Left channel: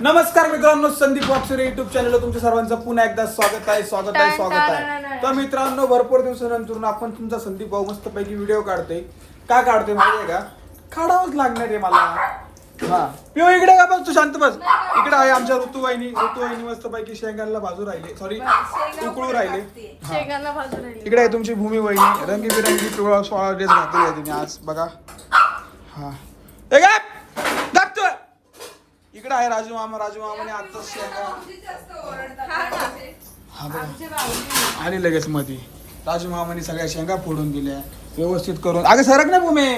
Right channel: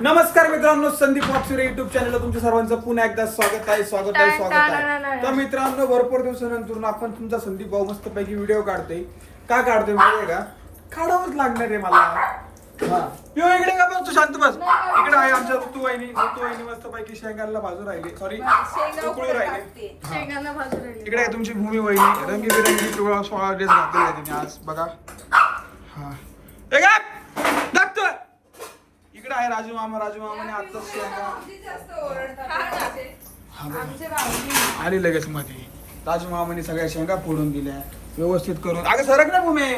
नमस्कार मित्रांनो, संदीप वापसुरे युट्यूब चॅनलला तुमच्या सर्वांचं पुन्हा एकदा स्वागत आहे. तर मित्रांनो, भरपूर दिवसानंतर आपण तुमचा संदीप भाऊ मस्तपैकी व्हिडिओ काढतोय. का काढतोय माहिती आहे का? काढावंच लागणार आहे मला. हा पिओ इकडे का बस, तू शांत बस. इकडे आहे आमच्या ऋतुवाहिनी मस्तपैकी शेंगाला भाजू राहिले, सॉरी उकळू राहिले. इकडे आहे तुमची भूमी वहिनी, रंगीबिरंगी पिवळा सोळा ड्रेस घातलेला आहे तुम्ही आज बघा. हा इकडे आहे राजू मामाने आता शेंगा आली लगेच मध्ये. राजू मामाने सगळ्या शेंगा फोडून दिल्या व्यवस्थित करून. अगं सरक ना तुम्ही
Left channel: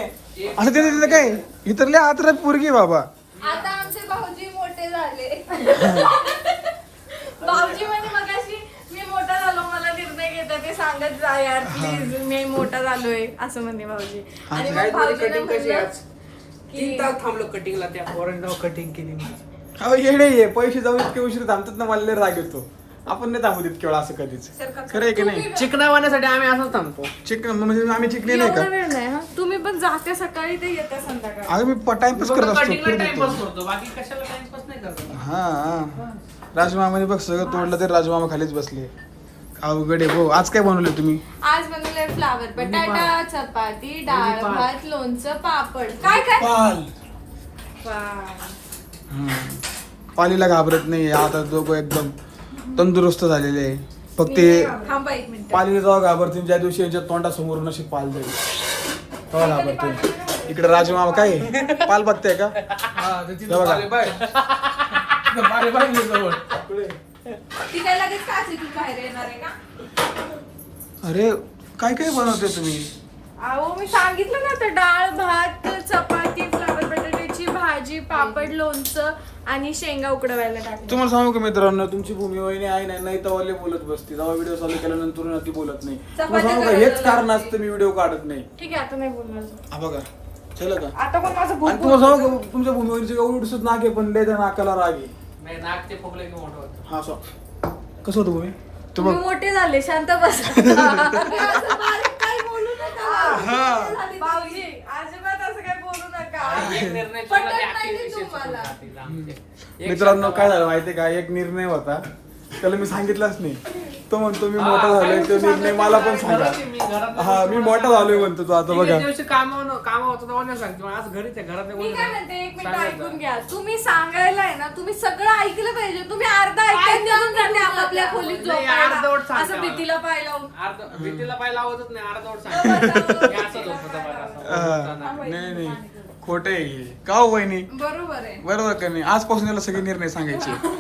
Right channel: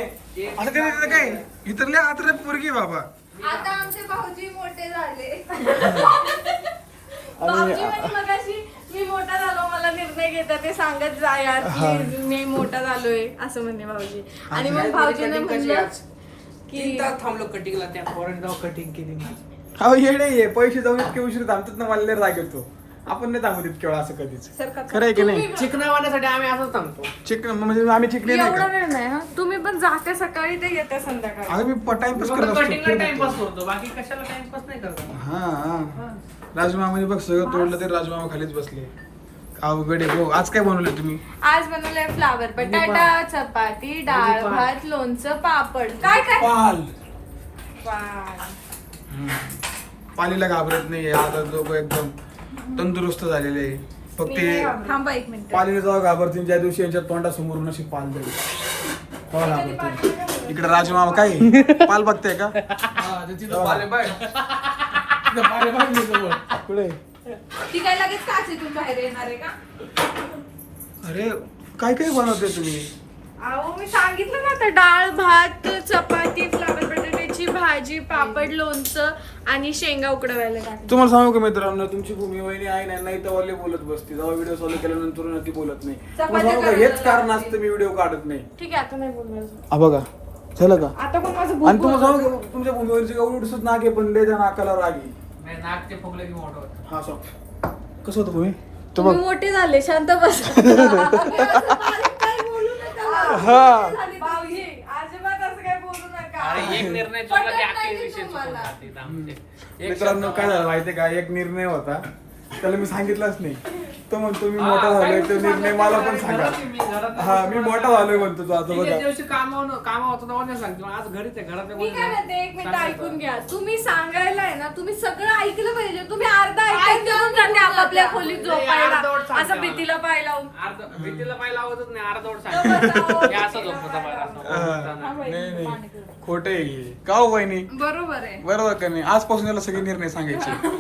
असं तिथे काय इतरले आत्र पोरगी बाबा. आता आमचे भाऊजी मोठे झाले. भाऊजी म्हणजे मगाशी मी मोठा झालो, मला निर्णय घेता ते सांगत जा यार प्लीज, मी मोठा झालोय असं म्हणते भाऊजी. आणि मग भाऊजीने म्हणलं तीन तास थांबलो कटिंगला, त्या पोरांनी जाऊ कटिंग केली. हो येडे ये पैसे जाऊन इतके उशीर थांबतात ना, मला लय राग येतो. आपण नाही थांबू इतके वेळा असं कधीच. खरं आहे की नाही? चिकनावाण्यासाठी आम्ही असं थांबतो. चिकन म्हणजे आम्ही चिकले नाही एवढा का? वेळ नाही हा. तुम्ही पण जाते सकाळी ते येते संध्याकाळी. अगं मी टाइमपास करत असतो, कटिंगला फिरत टाइमपास असतो. करतो, बाकी कशाला टाइमपास नाही करतो. हा राजमामाने बघ सगळं तोडलं, ते राजमामा खालीच बसले. अवघड आहे. हो आज काय बनवलं तुम्ही? आज बनवलंय फ्लावर बटाटा, चपाती, डाळ भात, लोणचं, पापड. काय काय पाल. वाह. पालीला घाबरत नाही आता, दोघं एकदम तंदुरुस्त झालेले आहे. फक्त हे थांबा एक मिनिट. पालीला जेव्हा घाबरतील ज्या दिवशी यांच्या तोंडासमोरून अशी पाल जाईल तेव्हा घाबरते. इकडे राजमामा काय पाल बघताय का? पुढे. ती काय लगेच काचेतून बाहेर येणार आहे का? अरे काय काय बनवते तुम्ही? अहो मी सांगितलं ना, आता डाळ भात, चपाती, फ्लावर बटाट्याची भाजी, पापड, लोणचं आणि शेंगा उकडवायला टाकले. तुम्हाला सांगू का मित्रांनो, तुमची भूमी वहिनी आहे ना, नाही तर बोलत बसते. जेव्हा व्हिडिओ चालू केल्यानंतर ती बोलत नाही. तुम्हाला सांगू का, हेच कारण असतं मी व्हिडिओ काढत नाही. ठीक आहे, आता नाही बोलणार. हा बघा झालं का? आता पण माझं आणि भूक तुम्हाला सांगू का, तुमच्या भूमी वहिनीचं एवढंच नाक आहे, पण लय त्या नाकाला राग आहे. नाही, नाक ते फुगले की मोठं होतं. हा कसं होतं भूमी? तो बघ तुम्ही मोठे झाले, शांत बस. काय बोलू नका. हा. भाऊजी, अजिबात असं काय बोलू नका. एक निर्णय चुकला की पटत अख्खे नाही विषय चुकून तुम्हाला. जातील आमचे. एक मित्रांनो शब्द- काय झालं माहितीये का, एक निर्णय होता त्याला मी सांगितलंच नाही. तो म्हणतो मी मोठा झालोय, तो निर्णय मला पण सांगा. हा मी मोठा झालोय म्हणतो तो आता एक बघा. दिवशी कामा होतं तेव्हा नाही सांगतो, आज घरीच आहे, घरात मी काय म्हणते, एक मिनिट ऐकून घ्या. तुम्ही सांगायला आहे ना, तुम्ही सगळं ऐकलं पाहिजे. तुम्ही अर्धा ऐकून निघून जाते आपापल्या खोलीत झोपायला, असं भीतीला पाय लावून. भीतीला पाहिला आवडत नाही, अर्धवट सांगतो. हे असं झोपतं बाहेर असं. नाही खोट आहे का हो वहिनी? बरोबर आहे. बरोबर का नाही? आजपासून याला सगळे निर्णय सांगायचे.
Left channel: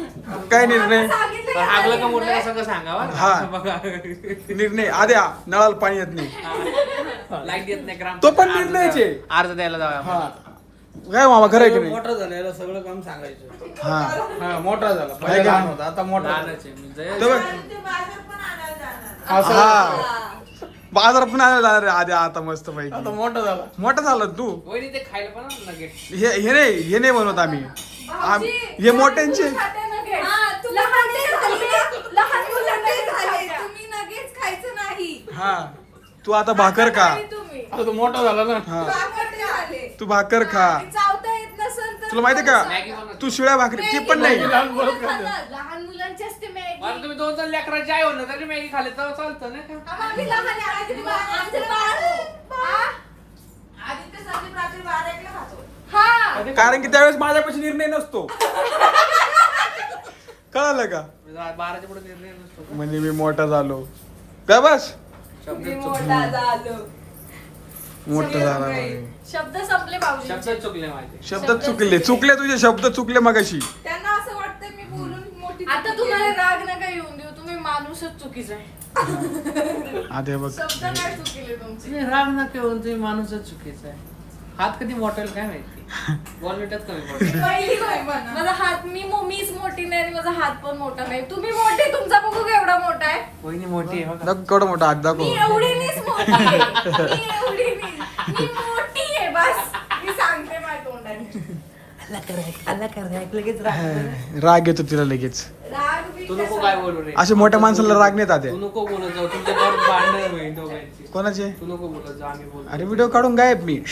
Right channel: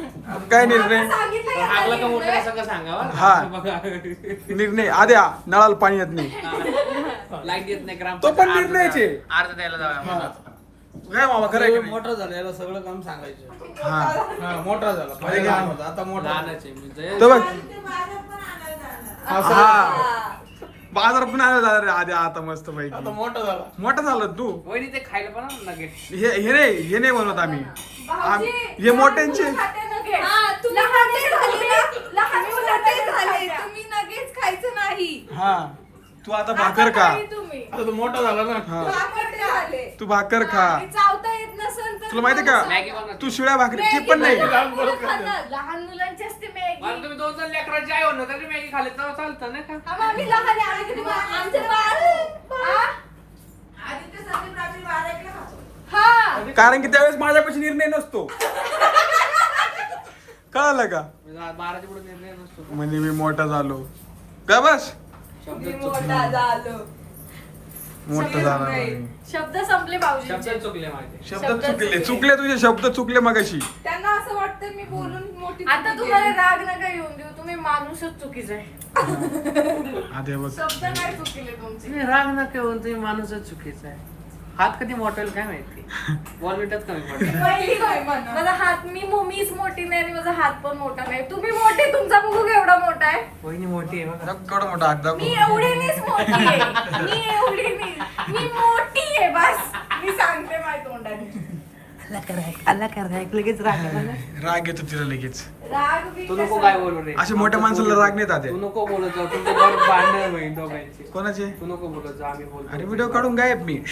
काय निर्णय? सांगितलं पण की हागलं का आधी मोठं का सगळं सांगावं. हा. बघा निर्णय आद्या नळाला पाणी येत नाही. लाईट येत नाही, ग्राम तो पण निर्णयचे. अर्ज द्यायला जाऊया. हा काय मामा खरं आहे की नाही? मोठा झाला याला सगळं काम सांगायचं. हा हा मोठा झाला आहे पहिले का? लहान होता, आता मोठा झाला. लहानच आहे मी. जय- तो बघ असं- हा बाजार पण आला जाणार आहे आद्या आता मस्त आता पैकी. मोठा झाला. मोठा झाला तू. वहिनी ते खायला पण नगेट. हे नाही बनवत आम्ही. हे मोठ्यांचे खाते nuggets. लहान मोठे झाले. तुम्ही nuggets खायचं नाही. हा तू आता भाकर खा. नाही तुम्ही. आता तो मोठा झाला ना. हा मोठे झाले. तू भाकर खा. चावता येत नसेल तर तुला माहितीये का, मॅगी बनवते. तू शिळ्या भाकरी ती पण नाही. लहान मुलांची असते मॅगी. आणि तुम्ही 2 लेकराची आई होणार तरी मॅगी खाल्ली तर चालतं ना का? आम्ही लहान आहे, आम्ही तरी आमचे बाळ. हा. कारण की त्यावेळेस माझ्यापाशी निर्णय नसतो. कळालं का? 12च्या पुढे निर्णय नसतो. म्हणजे मी मोठा झालो का बस. शब्द मी चुकले. मोठा झालो. मोठा झाला म्हणजे. शब्द संपले भाऊजी. शब्द चुकले माझे. शब्द चुकले तुझे शब्द चुकले मगाशी. त्यांना असं वाटतं मी बोलून मोठी. आता तुम्हाला राग नका येऊन देऊ, तुम्ही माणूसच चुकीचा आहे. आधी बघ शब्द काय चुकीले तुमचे? तुम्ही राग नका येऊन, तुम्ही माणूसच चुकीचा आहे. हात कधी मोठा होईल काय माहिती. बॉलमीटच कमी पडतो. पहिली काय म्हणा. माझा हात मीच मोठी नाही आणि माझा हात पण मोठा नाही. तुम्ही मोठे, तुमचा बघू केवढा मोठा आहे. वहिनी मोठी आहे बघा. केवढा मोठा हात दाखव. मी एवढीनीच मोठी आहे. मी एवढीनीच. मी मोठी आहे बस. मी सांगते माझ्या तोंडाने. राग येतो तिला लगेच. राग बी तू नको कसा- काय बोलू रे. असे मोठ्या माणसाला राग नाही आते. तू नको बोलत जाऊ, तुमच्या बरोबर भांडण होईल दोघांची. कोणाचे? तू नको बोलत जाऊ, आम्ही बोलतो. अरे व्हिडिओ काढून गायब मी. तरी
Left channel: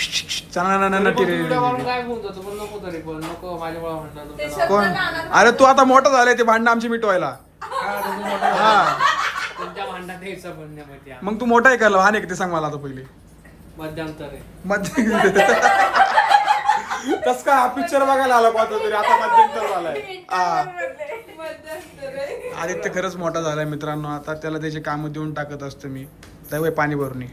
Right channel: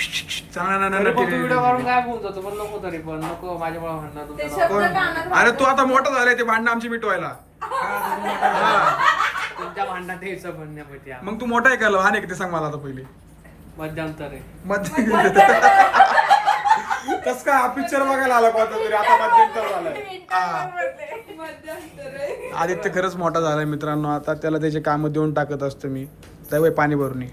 पण तू व्हिडिओ काढून काय बोलत जातो, पण नको तरी पण नको माझ्या भावा म्हणणार ते तुमच्या शब्द कोण? कानात अरे तू आता मोठा झालाय ते भांडणं आमची मिटवायला. हा तुमच्या भांडणात यायचं म्हणण्यामध्ये मग तू मोठा आहे का लहान आहे का ते सांग मला आता पहिले. मध्यंतर आहे. कस काय हा पिक्चर बघायला आला कोणता तरी आता मध्यंतर झालाय. हा. मध्यंतर आहे. आदित्य खरंच मोठा झालाय मित्रांनो. आता त्याला त्याचे काम देऊन टाकत असतो मी. जाऊ पाणी भरून ये.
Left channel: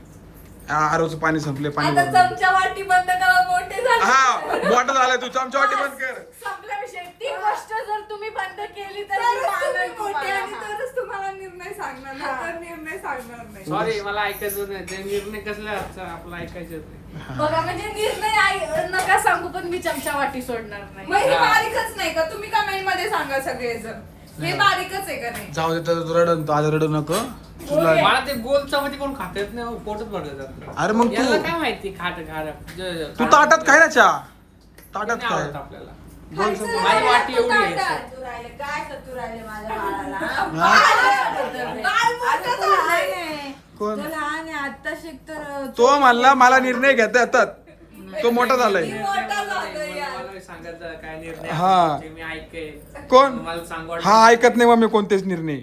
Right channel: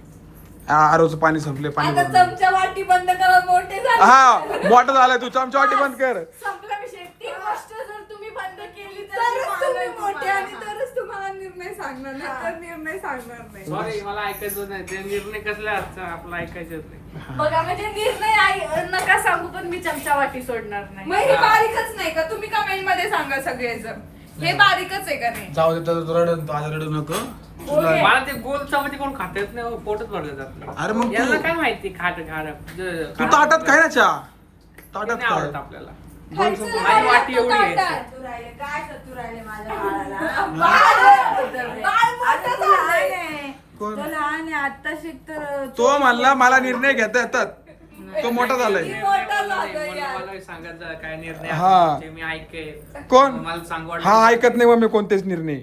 आरोचं पाणी संपले, पाणी आता भरून ये. चमचा वाटी बंद करा, मोठे झाले. हा मोठा झालाय तू चमचा वाटी बंद कर. संपला विषय. ती गोष्ट जर तुम्ही बंद केली तर तुम्ही मी मोठे आणि तुम्हाला. तरच तुम्हाला निर्णय सांगणार नाही तर निर्णय सांगणार नाही. सॉरी मला ऐकायचं नाही, ते निर्णय कसला आजचा आपला ऐकायचं नाही. बघा म्हणजे निर्णय नका सांगू पण मी चमचा वाटी सोडणार नाही. मग हे बारीकच नाही का? तुम्ही कमेंट मध्ये सांगा सगळेजण. हे बारीकच आहे का नाही? जाऊ दे तर तू रडू, तू आज रडू नको. तुला मला ते गोल चपाती कोण खात येत नाही, पोटच भरत जात. अरे मग तू- याला काय माहिती खाट तू ताटात खाय ना चहा. ताटात नाही काय आवडत आपल्याला. बोल सांग. माझी वाटी एवढी आहे. तू राहिले काय कर तू राहिले माझ्या बाळाला. आता तो लहान आहे. कोण? तो लहान आहे आता शिकतर. तो म्हणला मला निर्णय घेता येतात. तो मोठा झालाय. मला सांगत जा काय निर्णय हा. आहे, मी ऐकेल. कोण? मला सांग वाटलं. हा ऐकत नाही मग मी कोणतेच निर्णय.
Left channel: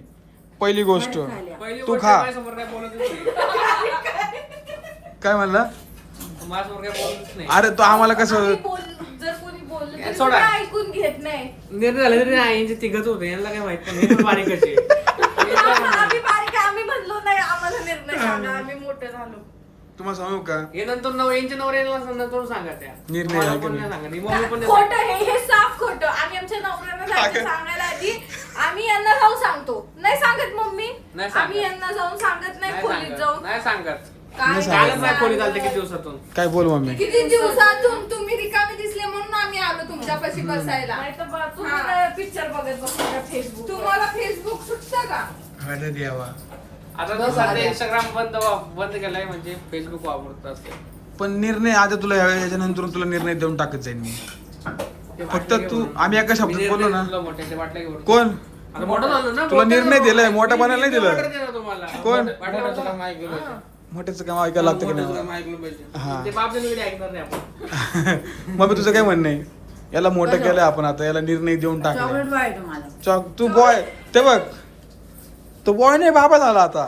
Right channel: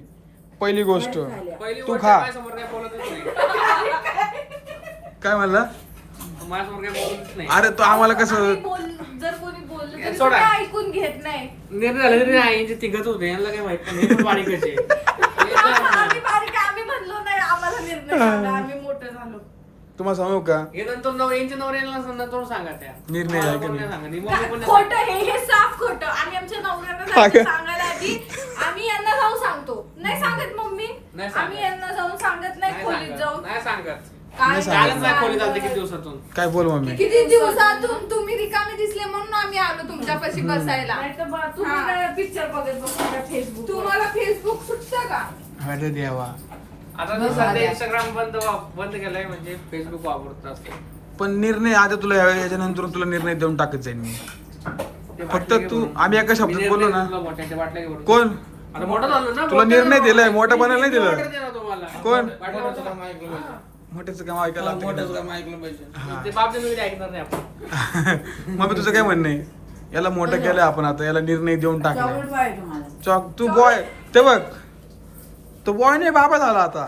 पहिली गोष्ट पहिली तू गोष्ट खा. माझ्यासमोर काय बोलतच नाही. काय म्हणला? माझ्यासमोर काय बोलतच नाही. अरे तो आम्हाला कसं जर कोणी बोललं हे तरी सोडा. तुम्ही ऐकून घेत नाही. निर्णय झाले तरी नाही, यांचे तिघच होते, यांना काय माहित पण हे पण बारीकच आहे. हे आम्ही काय- बारीक आहे, आम्ही म्हणलो नाही आम्हाला निर्णय सांगा, आम्ही मोठं झालो. तुम्हाला सांगू का हे नंतर यांच्या नवऱ्याला नंतर सांगा त्या निर्णय मला आहे पण का नाही नाही? सांगा, आणि मम्मी पण नाही खोटं सांगा. हे साफ खोटं. आम्ही आमच्या नवऱ्यांना जायचं सांगायला आधी आम्ही यांना जाऊन सांगतो. नाही सांगत मम्मी. नाही सांगत. आम्ही यांना जाऊन सांगत नाही नाही खोलीत सांगत, जाऊन. नाही सांगत. नाही सांगत. कालच नाही खोली चालते किती दिवसातून. काय बोल मम्मी. किती दिवसातून तुम्ही रिकामे दिसले म्हणून आम्ही आलो तुमच्यापाशी बसायला. नाही तर तुम्ही हा. काय पिक्चर बघत बसता फेसबुक. तुम्हाला फेसबुक सुटतं का? अरे देवा. आता तर सध्या इंस्टाग्राम बंद केलाय, म्हणजे फेसबुक वापरत असते. पण निर्णय आता तुला याच्यानंतर तुला निर्णय देऊन टाकत जाईन मी. ते फक्त बाटल्या घे तू- भरून. आम्ही एका शब्दात मी बोललो निर्णय ना. तुला मोठ्याच्या बाटल्या घे भरून. कोण? आता मोठं झालं ना. तुला निर्णय दिलाय, मोठं बनायला नाही दिलं. मोठं दिलं तुम्हाला. कोण? बाटल्या मोठ्याचं भरून. काम ऐकलं पाहिजे. मोठ्याचं काम ऐकायला लागतं मोठ्याचं की काम ऐकलं पाहिजे. नाही? हा ते बाप जण ऐकणार नाही आपण. मग तुझं काय म्हणणं आहे? याला मोठं केलंय आपण आता, याला निर्णय देऊन टाकलाय. चॉक तू बॉय ते बघ, तो बॉय नाही बाबा झाला आता.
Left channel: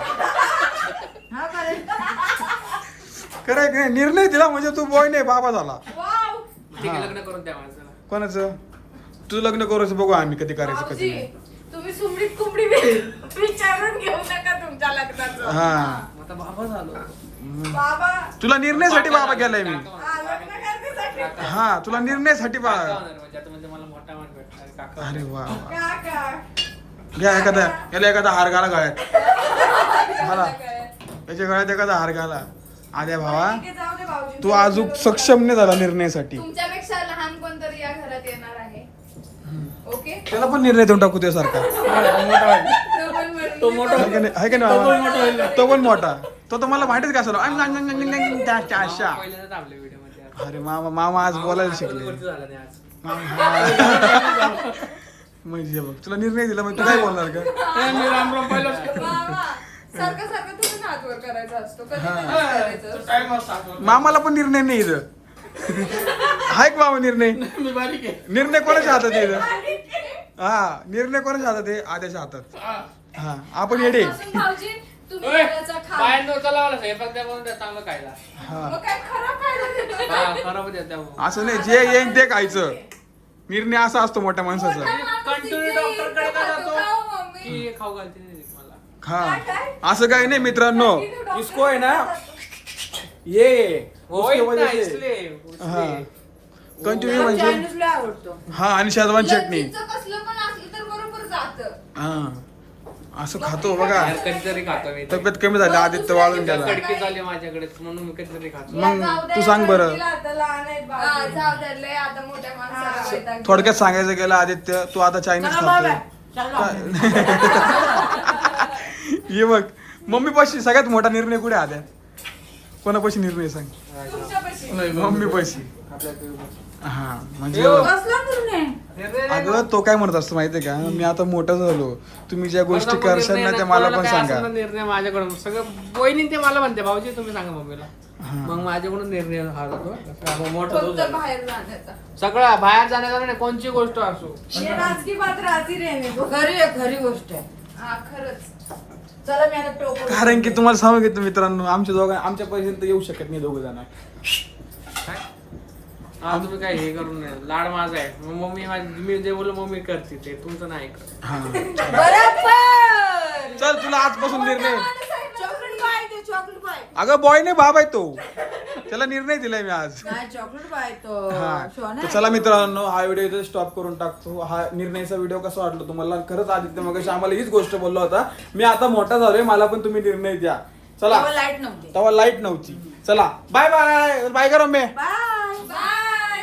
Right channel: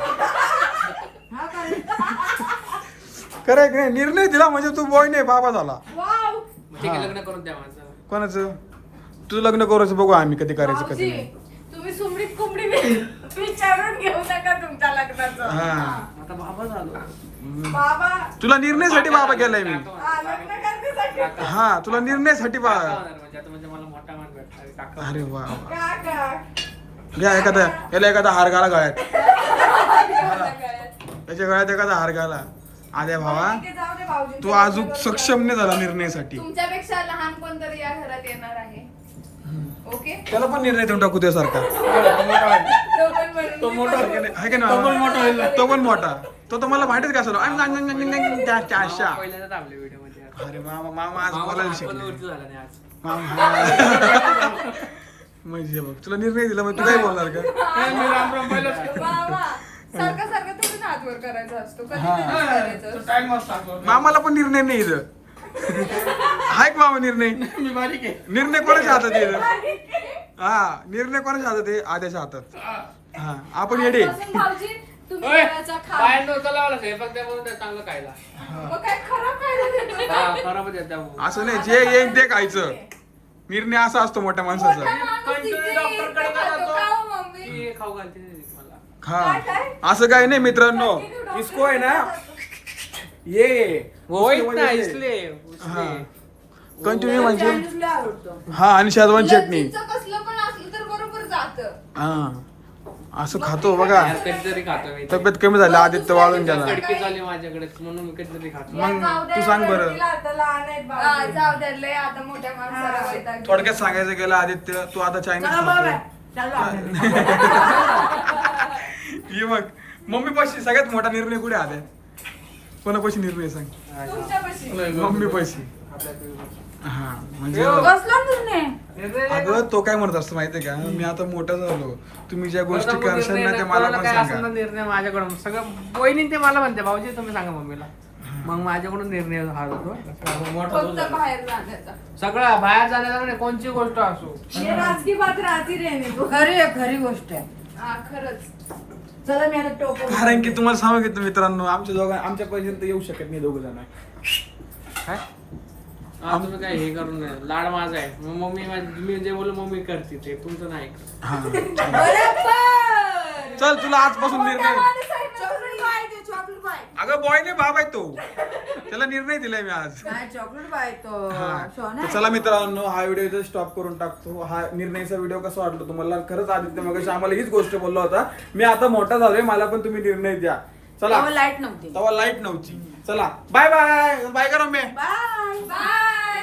खरं नाही, निर्णय दिला म्हणजे तू बॉय नाही बाबा झाला. वाव. ठीक आहे, हा. लग्न करून द्या माझं. कोणाचं? तुझं लग्न करायचं बघू आम्ही कधी करायचं कधी भाऊजी, नाही. तुम्ही सुमडीत कुंबडी विचारून घेऊ नका तुमच्या लग्नाचं. हा आता बाबा झालो. बाबा तुला निर्णयासाठी बाबा केलाय मी. हा, लग्न करण्यासाठी. हा तुला निर्णयासाठी काका बाबा. होणार म्हणजे आता म्हणजे मला मोठा मान भेटला काका. अरे वा वा. काका. घ्या एखादा, याला एखादा हार घाला गळ्यात. हा. याच्या गळ्यात एखादा हार घाला. आद्या भावा ठीक आहे, जाऊ दे भाऊजी. तू अजून सक्षम नाही झाला निर्णयासाठी. तुमच्यापेक्षा लहान कोणतरी या घरात येणार आहे. ओके? त्याला पण निर्णय देऊन टाकू त्यासारखा. तो पण म्हणून- तो मोठा आहे की नाही तो पण बाबा? मोठा होईल ना. तो पण मोठा. तो तर मला माहितीच का असं अशा. पहिल्यांदाच आपल्या व्हिडिओ मध्ये आज. अरे मामा मामा आज बोलायला शिकले. बोलतो झाला नाही आज. मामा म्हणजे बघ तुला निर्णय दिला मग तू काय बोलणार का? बाबा, सारखं सारखं तुम्ही हात वर करायचा असतो. कधी हा. कधीच करायचं असतं. टाइम असतो. मामाला पण निर्णय नाही इथं. आहे का मामा निर्णय? मी बारीक आहे. निर्णय कोणाच्या हातात आहे इथं? हा निर्णय कोणाच्या हातात आहे? आद्याच्या हातात. हा आपण येडे. आजपासून भाऊजी तुम्ही ओय, घराचा खा. बाहेर नव्हतं लावलं स्वयंपाक द्या म्हणून द्या चांगलं खायला. हा मग काय खराब खायला देतो? हा खराब येत त्या. असं नाही, जे येईन ते खायचं. निर्णय असा असतो मोठ्या माणसाचा. की खाऊ घालते नाही मला. हा असं काही नाही मित्रांनो. इसको आहे ना ये उसके वजह से हा कंटिन्यू म्हणजे हा आणि शेजवान चटणी. चिंच कसलं पण असलं तर बरोबर जातं. हा असं खातो बघा. यार कधीतरी खातो मी. तब्येत कमी झाली, आदित्य वाळून गेला. कडकी झाली माझ्याकडे म्हणून मी कधीतरी खातो. मग तू सांग बरं. आता लहान आहेत हा, भाऊजी. जाऊ द्या, लय आता मोठ्या माणसाला वैताग. थोडक्यात सांगायचं गेलं आदित्य तू आता चायनीज खातोय. ये बघ मम्मी पाशी सगळ्यात मोठा निर्णय कुठे आल्या? कोणापाशी निर्णय सांग? तुमच्यापाशी. मम्मी पाशी. हा म्हणजे कसला निर्णय? अगं तो काय म्हणत असतो माहितीये का, मी आता मोठा झालो, तुम्ही ज्या गोष्टी करशाल ना त्या मला पण सांगा. निर्णय माझ्याकडून सगळं वहिनी ते मला म्हणते भाऊजी तुम्ही सांगा मम्मीला. मग माझ्याकडून निर्णय हा होतो फक्त बाहेर जाण्याचा. सगळं बाहेर जाण्याचा नाही, कोणची गोष्ट असो. ये राज की बात राजी रहने दो. खरी गोष्ट आहे. हा, खरंच. चला मी आता टोप कारण की तुम्हाला सांगितलं मित्रांनो, आमच्या पर्यंत येऊ शकत नाही दोघ जण. काय हा तुम्ही काय हे करून नाही. लाड माझा आहे. मग मम्मी मी जे बोलू मम्मी करते ते तुमचं नाही ऐकत. हा बरोबर. चल तुला आजपासून निर्णय. चॉकलेट बाय दे, चॉकलेट बाय. अगं बॉय नाही बाब आहे तो, त्याला निर्णय दिलाय मी आज. नाही चॉकलेट बाय तो हा सोना तर चला मित्रांनो, हा व्हिडिओ इथे स्टॉप करून टाकतो. हा निर्णयचा व्हिडिओ कसा वाटला तुम्हाला? खरंच आदित्य मगाशी आम्हाला हीच गोष्ट बोलला होता, मी आता मोठा झालोय, मला पण तुम्ही निर्णय द्या. चला लाईट नव्हती. तेव्हा लाईट नव्हती. चला बाय बाय बाय करा मी. Bye bye.